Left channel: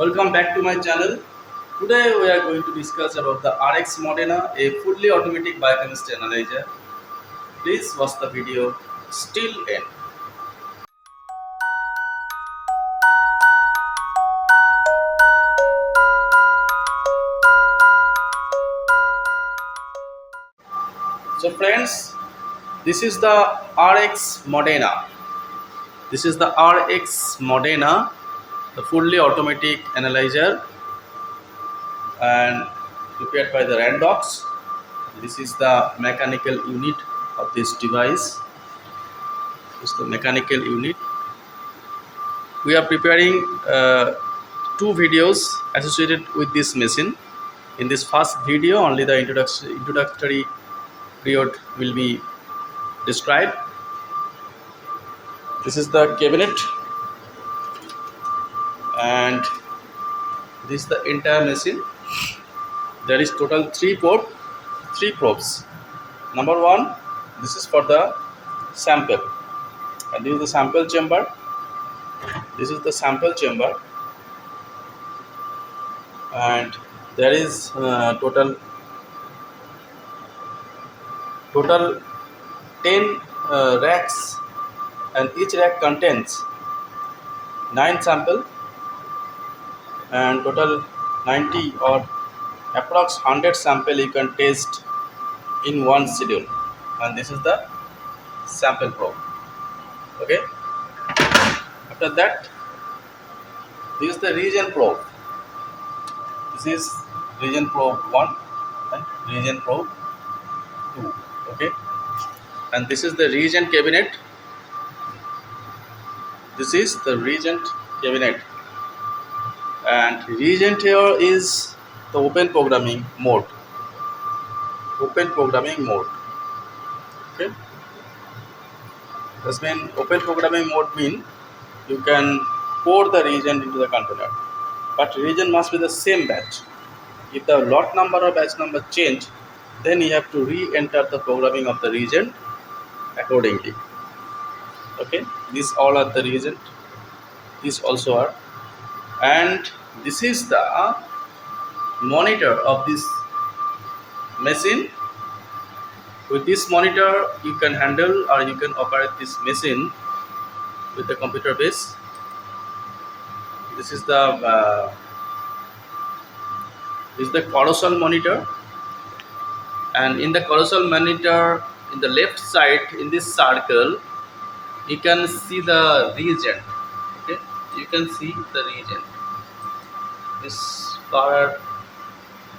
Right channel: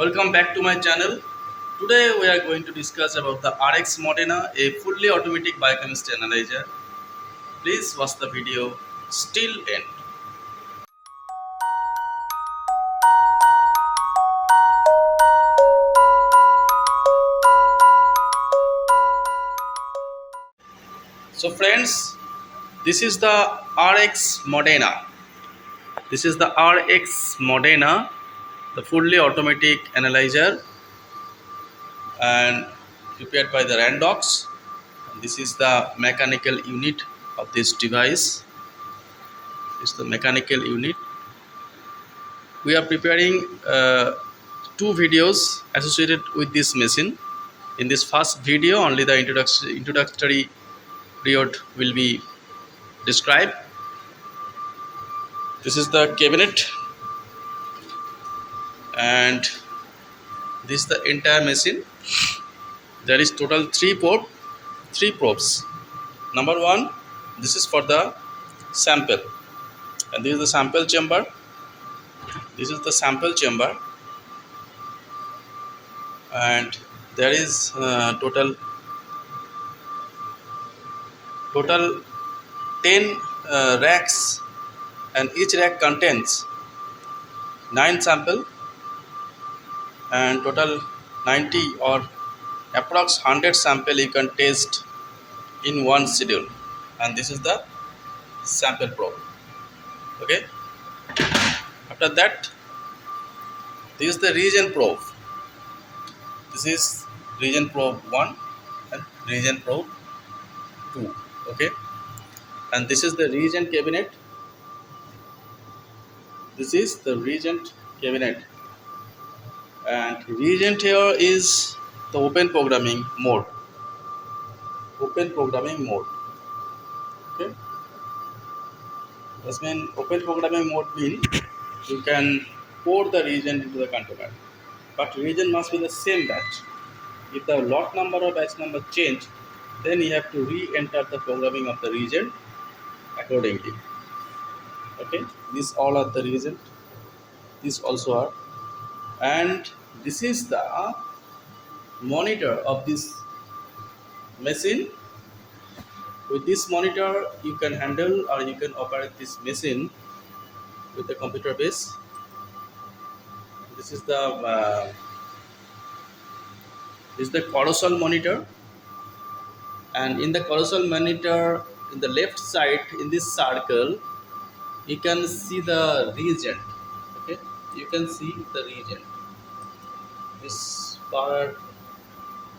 Welcome back to my channel. Today we are going to discuss about the RX Modena, a fully automatic biochemistry analyzer. Please watch the video still end. So friends, this is the RX Modena. This is the RX Modena, the fully automatic analyzer and prepared by the Randox. This is the mechanical unit of this device. This is the mechanical unit. We are preparing two videos associated with this machine. In this first video, only the introductory period will be described. This is the cabinet, and this is the entire machine. There is total three probes. Number one, this is for the sample, and this is the sample chamber. This is the sample chamber, and there is total 10 racks, and each rack contains 9 sample and total 90 or approx 100 sample you can test in one schedule. And this is the sample probe. Okay, after that, this is the reagent probe. This is reagent probe 1 and reagent probe 2. Okay, and this is the reagent cabinet. This is the reagent cabinet, and reagent here is the open programming mode. Okay, this means open programming mode means you can pour the reagent into the container, but reagent must be the same batch. If the lot number or batch number change, then you have to re-enter the programming of the reagent accordingly. Okay, these all are the reagent. These also are, and this is the monitor of this machine. With this monitor, you can handle or you can operate this machine with the computer base. This is the carousel monitor, and in the carousel monitor, in the left side, in this circle, you can see the reagent. Okay, you can see the reagent. This color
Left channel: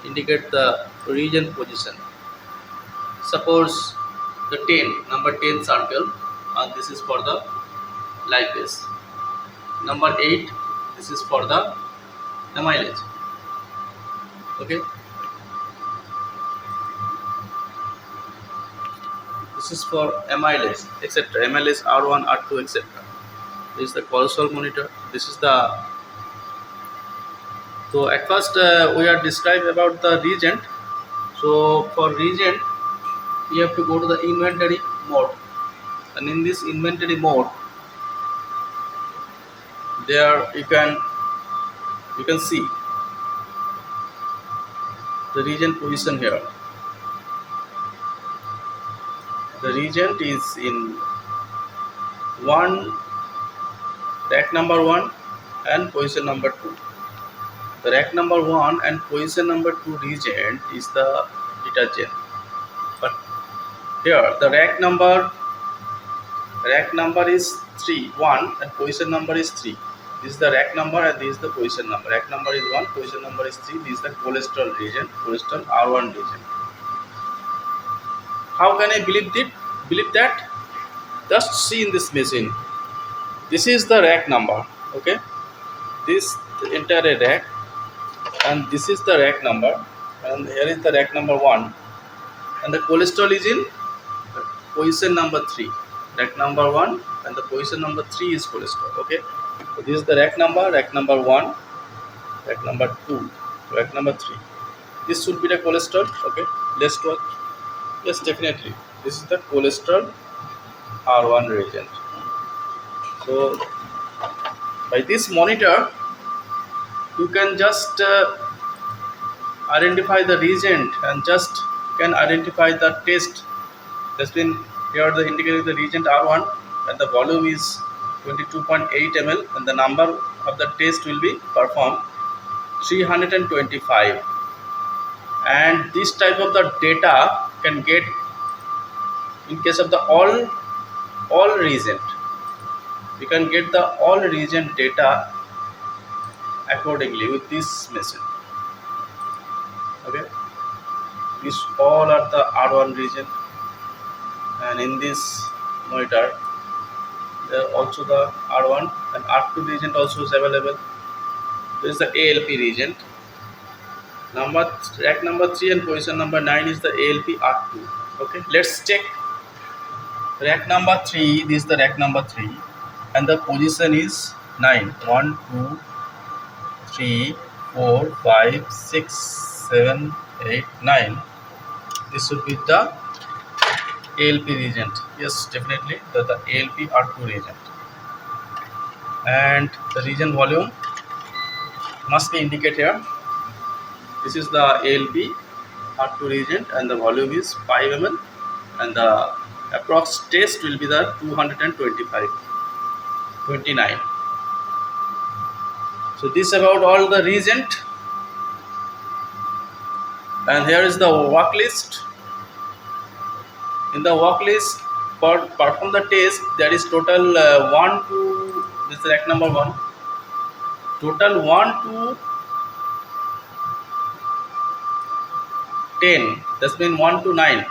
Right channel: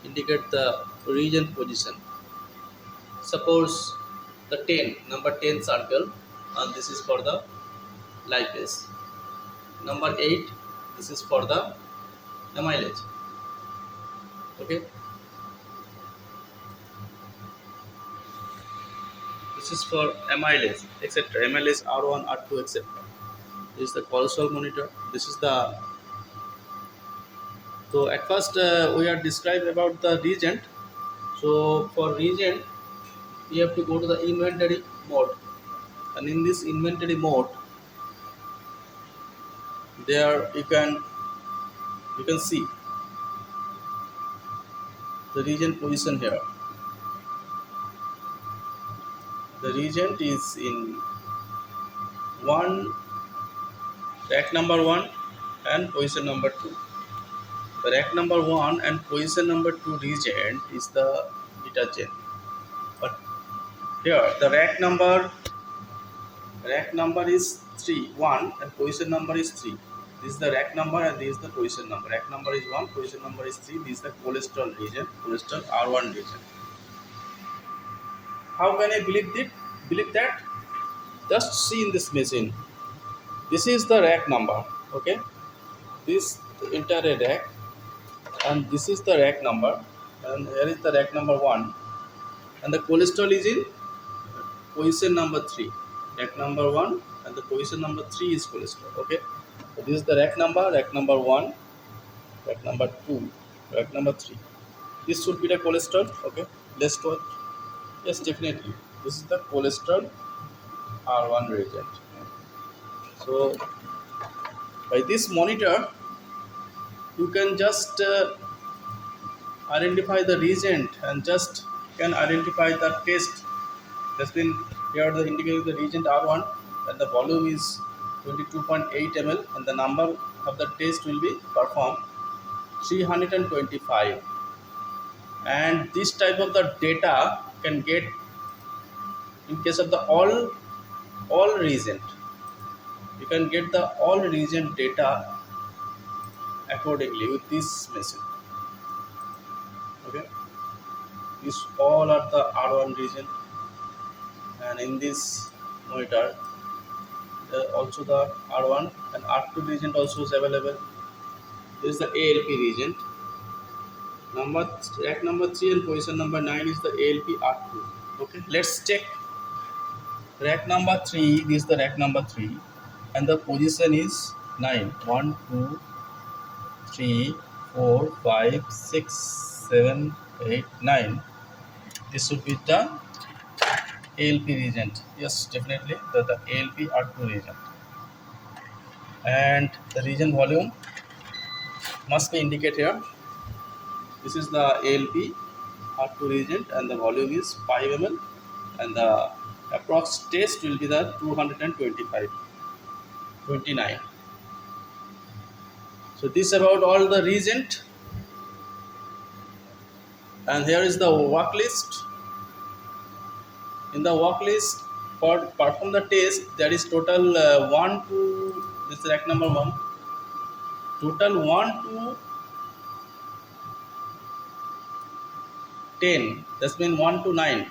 indicate the reagent position. Suppose the number 10 circle, and this is for the lipase. Number 8, this is for the amylase. Okay, this is for amylase, etc. Amylase R1, R2, etc. This is the carousel monitor. This is the so at first we are described about the reagent. So for reagent, you have to go to the inventory mode, and in this inventory mode, there you can see the reagent position here. The reagent is in rack number 1 and position number 2. The rack number 1 and position number 2 reagent is the detergent, but here the rack number is 1 and position number is 3. This is the rack number and this is the position number. Rack number is 1, position number is 3. This is the cholesterol reagent, cholesterol R1 reagent. How can I believe that? Just see in this machine. This is the rack number. Okay, this the entire rack, and this is the rack number, and here is the rack number 1, and the cholesterol is in position number 3. Rack number 1 and the position number 3 is cholesterol. Okay, so this is the rack number 1, rack number 2, rack number 3. This should be the cholesterol. Okay, let's watch. Yes, definitely, this is the cholesterol R1 reagent. So by this monitor, you can just identify the reagent and just can identify the test. That's been here the indicating the reagent R1 and the volume is 22.8 ml and the number of the test will be performed 325, and this type of the data can get in case of the all reagent. You can get the all reagent data accordingly with this machine. Okay, these all are the R1 region, and in this monitor there are also the R1 and R2 region also is available. There is the ALP region. Rack number 3 and position number 9 is the ALP R2. Okay, let's check rack number 3. This is the rack number 3 and the position is 9. 1, 2, 3, 4, 5, 6, 7, 8, 9. This should be the ALP reagent. Yes, definitely the ALP R2 reagent. And the region volume must be indicated here. This is the ALP R2 reagent and the volume is 5 ml and the approx test will be the 225 29. So this is about all the reagent, and here is the work list. In the work list for perform the test there is total 1 to this is rack number 1, total 1 to 10, that's mean 1 to 9,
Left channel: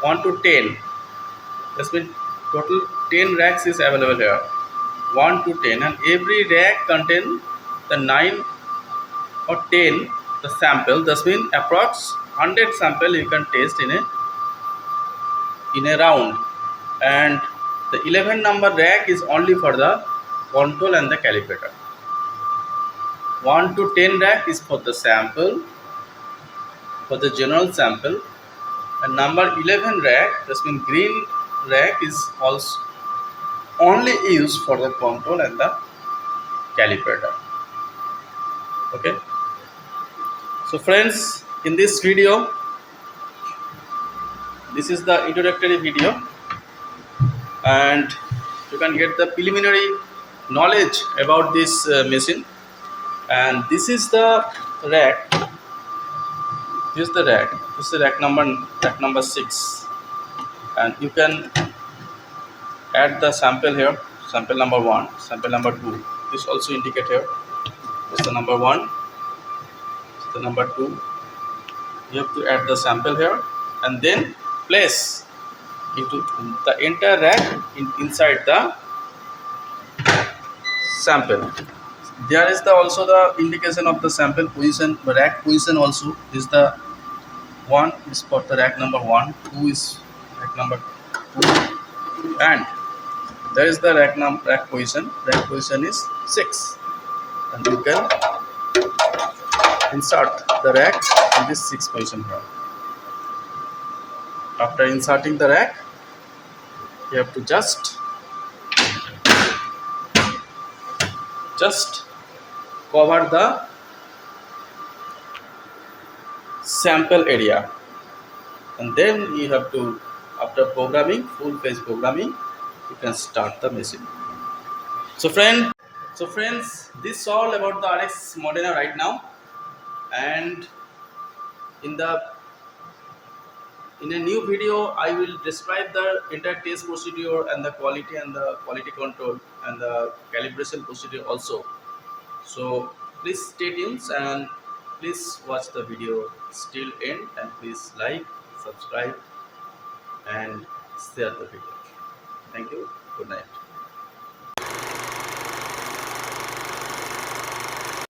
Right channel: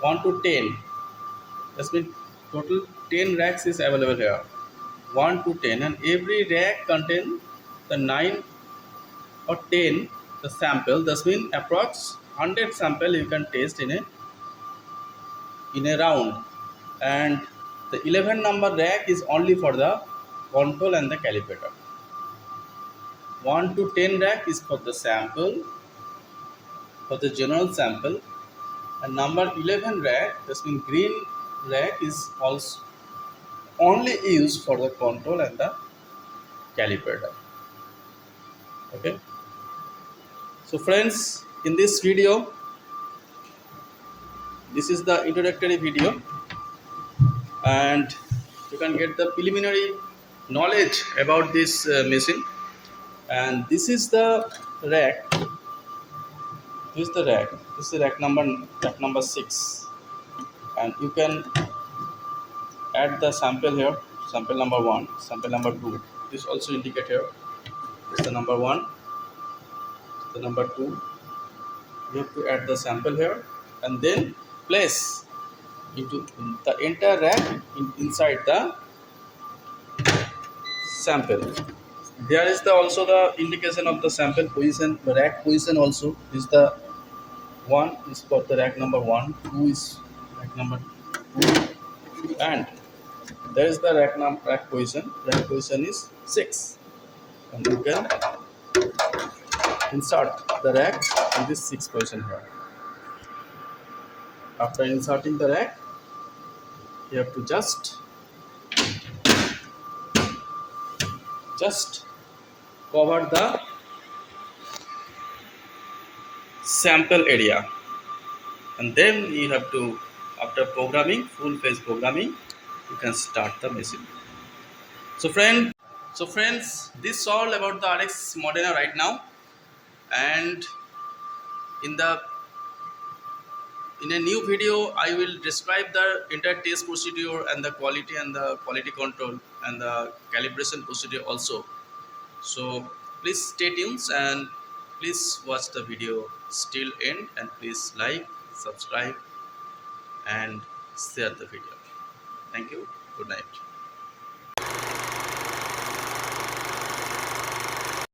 1 to 10, that's mean total 10 racks is available here, 1 to 10, and every rack contain the 9 or 10 the sample. That's mean approx 100 sample you can test in a round, and the 11 number rack is only for the control and the calibrator. 1 to 10 rack is for the sample, for the general sample, and number 11 rack, that's mean green rack, is also only used for the control and the calibrator. Okay, so friends, in this video, this is the introductory video, and you can get the preliminary knowledge about this machine. And this is the rack. This is the rack. This is the rack number 6, and you can add the sample here. Sample number 1, sample number 2. This also indicate here. This is the number 1. This is the number 2. You have to add the sample here, and then place into the entire rack inside the sample. There is also the indication of the sample position, rack position also. This is the 1 is for the rack number 1, 2 is rack number 2, and there is the rack position. Rack position is 6, and you can insert the rack in this 6 position here. After inserting the rack, you have to just cover the sample area, and then you have to, after programming, full page programming, you can start the machine. So friends, this is all about the RX Modena right now, and in a new video I will describe the entire test procedure and the quality control and the calibration procedure also. So please stay tuned and please watch the video till end, and please like, subscribe and share the video. Thank you. Good night.